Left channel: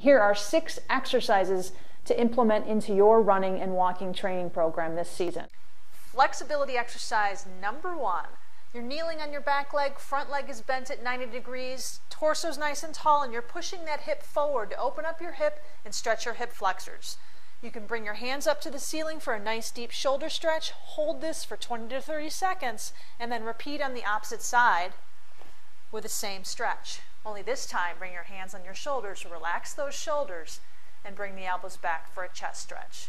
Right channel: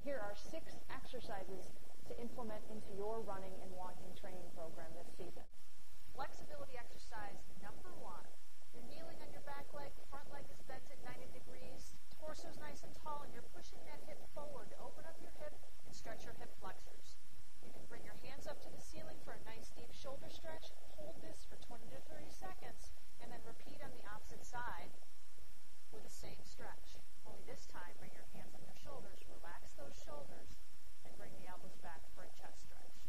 Here are 6 exercises to implement into your running and walking training program this season. Flexibility exercise number 1. You're kneeling on your back leg, front leg is bent at 90 degrees, torso's nice and tall, and you're pushing that hip forward to open up your hip and stretch your hip flexors. You can bring your hands up to the ceiling for a nice deep shoulder stretch, hold this for 20 to 30 seconds, and then repeat on the opposite side with the same stretch. Only this time, bring your hands on your shoulders, relax those shoulders, and bring the elbows back for a chest stretch.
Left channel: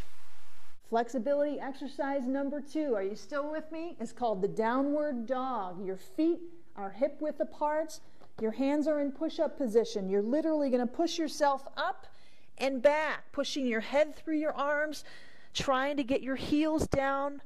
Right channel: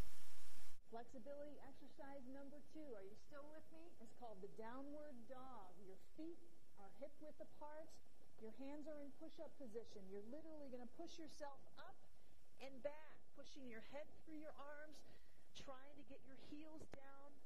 Flexibility exercise number 2, are you still with me? It's called the downward dog. Your feet are hip width apart. Your hands are in push-up position. You're literally going to push yourself up and back, pushing your head through your arms, trying to get your heels down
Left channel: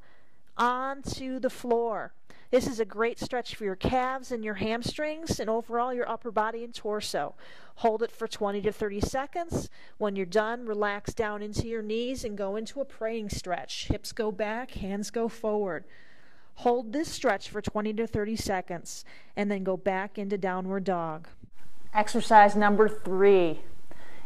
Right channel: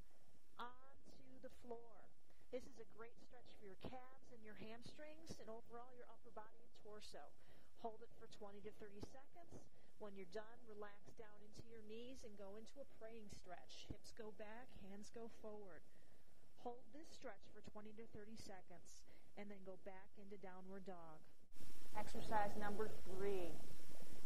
onto the floor. This is a great stretch for your calves and your hamstrings and overall your upper body and torso. Hold it for 20 to 30 seconds. When you're done, relax down into your knees and go into a praying stretch. Hips go back, hands go forward. Hold this stretch for 20 to 30 seconds and then go back into downward dog. Exercise number 3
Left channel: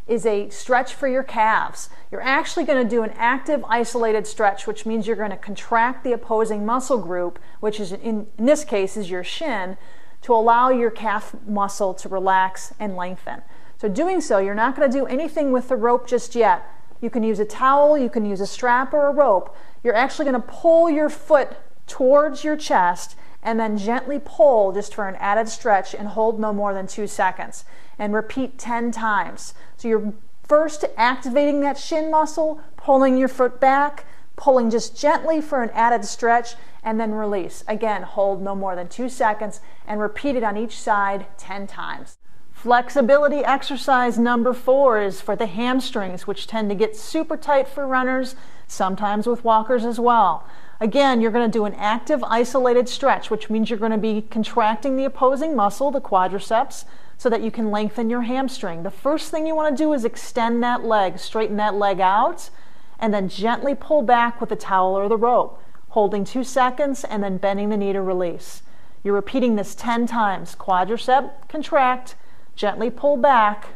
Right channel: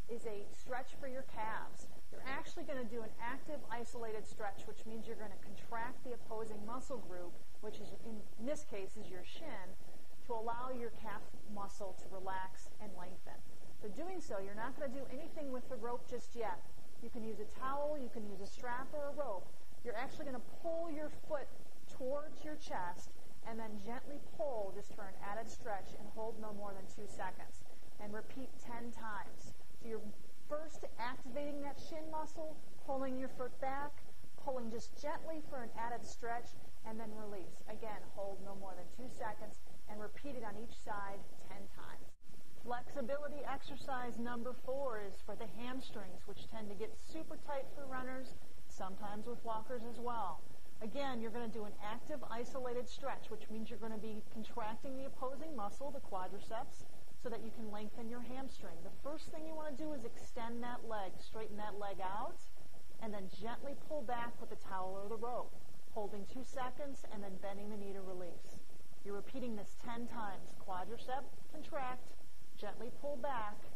is a stretch for your calves. You're actually going to do an active isolated stretch, which means you're going to contract the opposing muscle group, which is in this case is your shin, to allow your calf muscle to relax and lengthen. So doing so, you're not going to do anything with the rope just yet. You can use a towel, you can use a strap or a rope. You're actually going to pull your foot towards your chest and then gently pull just for an added stretch and hold no more than 2 seconds. And repeat 10 times. So you're first activating that shin muscle, pulling your foot back, pulling just gently for an added stretch, and then release. Again, hold no more than 2 seconds and repeat it on each side 10 times. Flexibility exercise number 4 is for the hamstrings, which tend to get super tight for runners, sometimes with walkers as well. Again, you're going to do an active isolated stretch, which means you're going to be contracting the opposing muscle, the quadriceps, so that you can lengthen your hamstring. The first thing you want to do is extend that leg, straighten that leg out, and then gently pull back with the towel or the rope, holding 2 seconds and then bending the knee to release. You're repeating this 10 times. Quadricep, contract, gently pull back,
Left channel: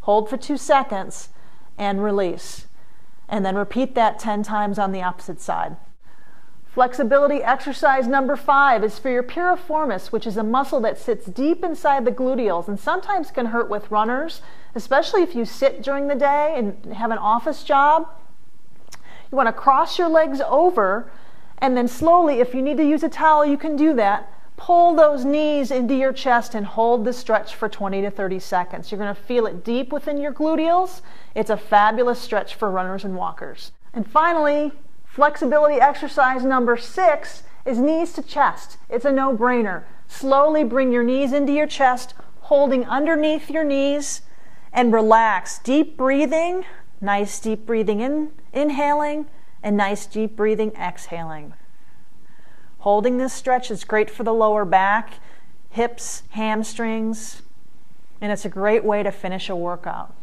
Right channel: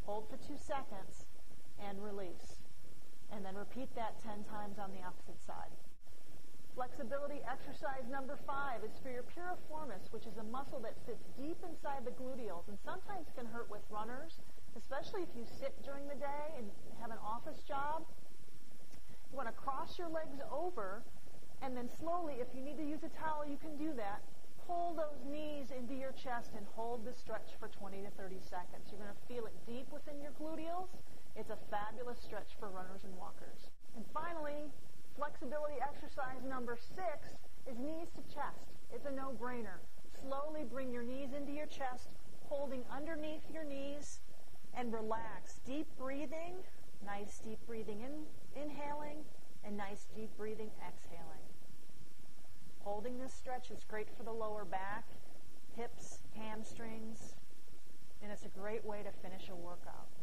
hold for 2 seconds, and release. And then repeat that 10 times on the opposite side. Flexibility exercise number 5 is for your piriformis, which is a muscle that sits deep inside the gluteals and sometimes can hurt with runners, especially if you sit during the day and have an office job. You want to cross your legs over and then slowly, if you need to use a towel, you can do that. Pull those knees into your chest and hold the stretch for 20 to 30 seconds. You're going to feel it deep within your gluteals. It's a fabulous stretch for runners and walkers. And finally, flexibility exercise number 6 is knees to chest. It's a no-brainer. Slowly bring your knees into your chest, holding underneath your knees, and relax. Deep breathing, nice deep breathing in, inhaling, and nice deep breathing exhaling. Holding this stretch is great for the lower back, hips, hamstrings, and it's a great way to finish a workout.